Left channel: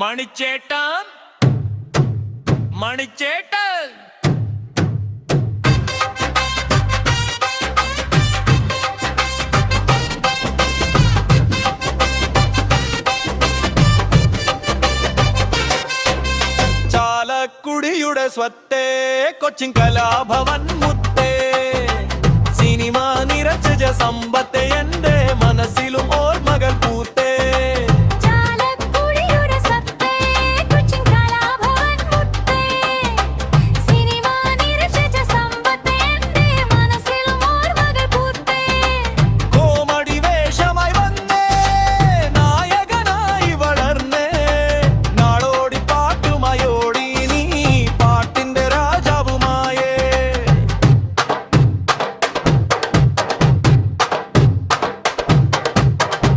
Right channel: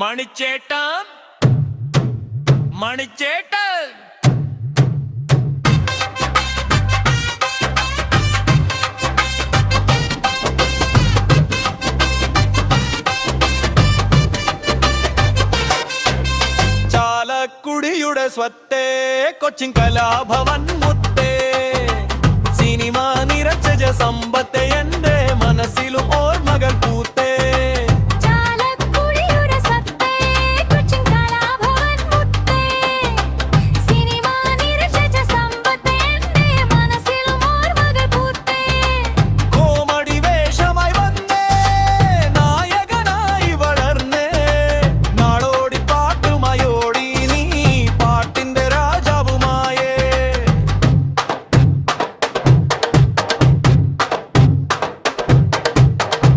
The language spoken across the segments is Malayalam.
മണിച്ചേട്ടൻ മണിച്ചേട്ടൻ ചാലക്കുടിയുടെ സ്വത്തേ കൊച്ചിൻ കലാഭവൻ മുത്തേ സിനിമ നിറച്ച സമ്പത്തെ എന്റെ മനസ്സിലും ഓർമ്മകൾ പൂത്തേ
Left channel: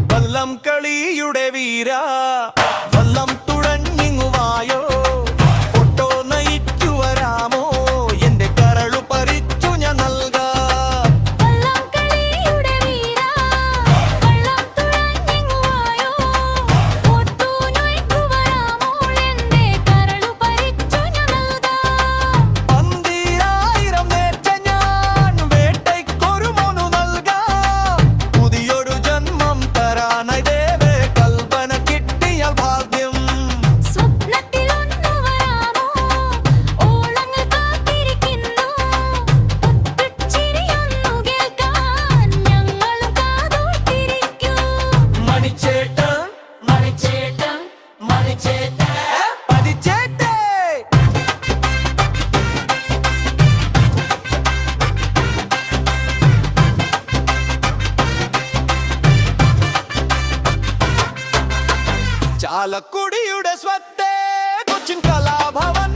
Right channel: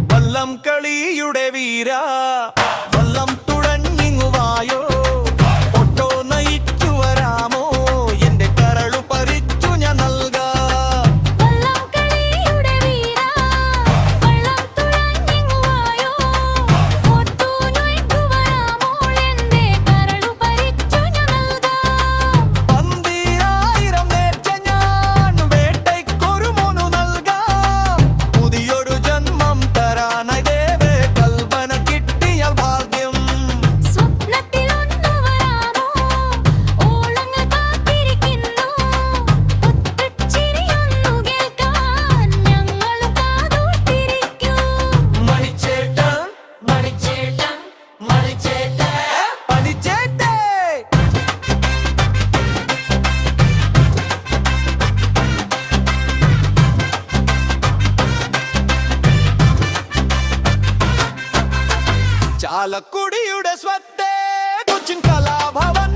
വള്ളം കളിയുടെ വീര വള്ളം തുഴഞ്ഞിങ്ങുവായോ ഒട്ടോ നയിച്ചു വരാമോ എന്റെ കരളു പരിച്ചു ഞാൻ നൽകാം ചാലക്കുടിയുടെ സ്വത്തേ കൊച്ചിൻ കലാഭവൻ